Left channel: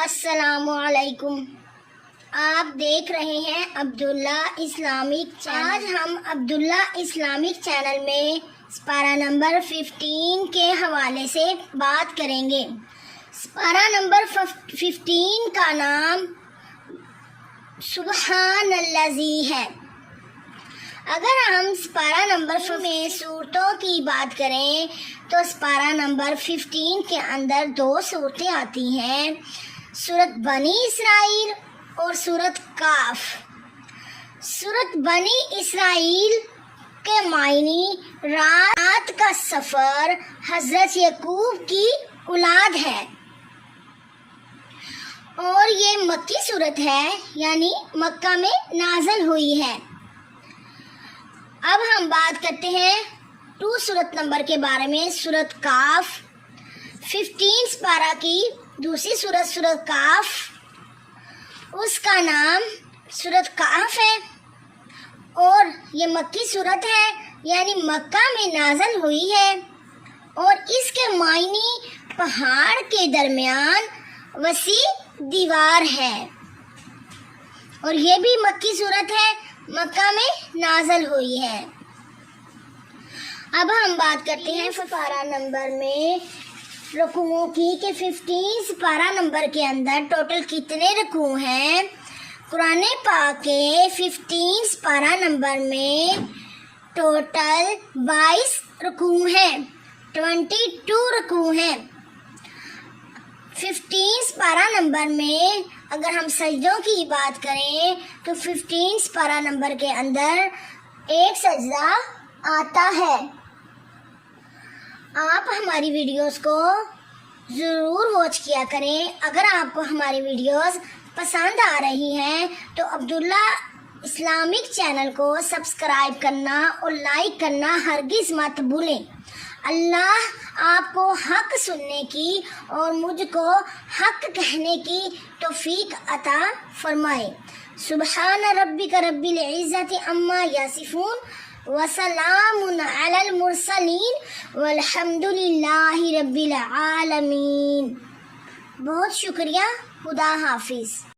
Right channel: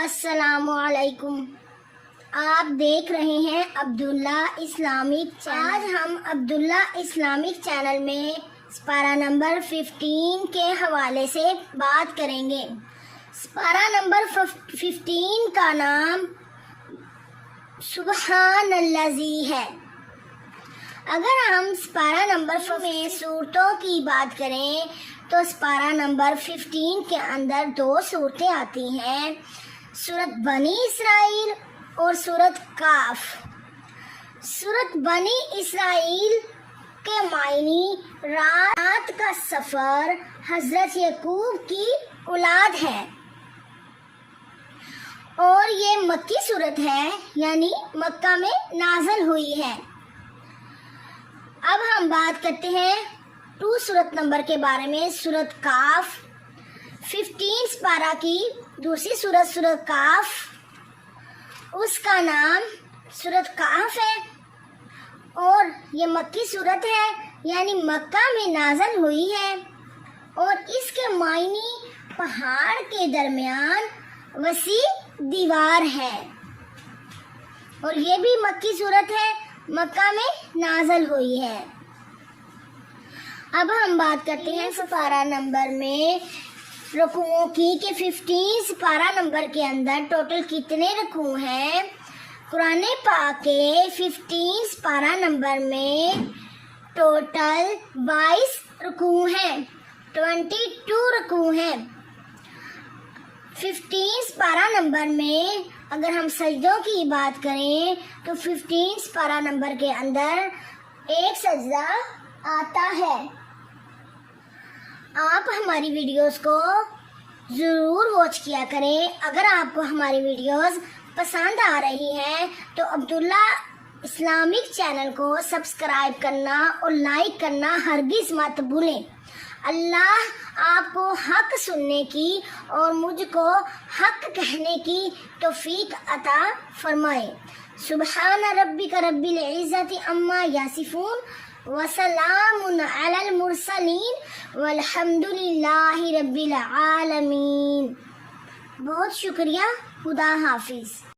السلام علیکم۔ آپ دیکھ رہے ہیں عبداللہ اسلامک چینل۔ آج ہم عبداللہ اسلامک چینل میں سپارہ نمبر 15 کے حوالے سے بات کریں گے۔ سپارہ نمبر 15 کا نام سبحان الذی ہے۔ اگر ہم سپارہ نمبر 15 میں صورتوں کی بات کریں تو سپارہ نمبر 15 کے اندر 2 صورتیں آتی ہیں، سورت بنی اسرائیل اور سورت کاف۔ سورت بنی اسرائیل کے معنی رات کا سفر حضرت یعقوب کی اولاد ہے اور یہ مکی صورت ہے، یعنی مکہ میں نازل ہوئی ہے۔ اب ہم بات کرتے ہیں 2 سورت نمبر کے بارے میں، سورت کاف۔ 15 سپارہ کی دوسری سورت سورت کاف، اس کا نام سورت کاف ہے اور یہ مکی صورت ہے، یعنی مکہ میں نازل ہوئی ہے اور اس کے معنی پہاڑ کے درمیان وسیع دیوار ہے اور یہ بھی مکی صورت ہے، مکہ میں نازل ہوئی ہے۔ اب ہم بات کرتے ہیں سپارہ نمبر میں رکوعوں کی کہ 15 سپارہ نمبر کے اندر ٹوٹل کتنے رکوع ہیں۔ قرآن پاک کے 15 سپارہ نمبر میں ٹوٹل 22 رکوع ہیں، 22 رکوع ہیں۔ 15 سپارہ نمبر میں اگر ہم سجدوں کی بات کریں تو 15 سپارہ نمبر کے اندر 1 سجدہ آتا ہے۔ آپ ہماری ویڈیوز کو ضرور واچ کیا کریں۔ اگر آپ کو ہماری ویڈیوز پسند آ رہی ہیں تو عبداللہ اسلامک چینل کو سبسکرائب کرنا اور لائک کرنا ہرگز مت بھولیں۔ اللہ آپ کو حق سننے کی اور مجھ کو حق کہنے کی توفیق عطا فرمائے۔ سبحان ربک رب العزت عما یصفون وسلام علی المرسلین والحمد للہ رب العالمین۔ بہت شکریہ۔ خدا حافظ۔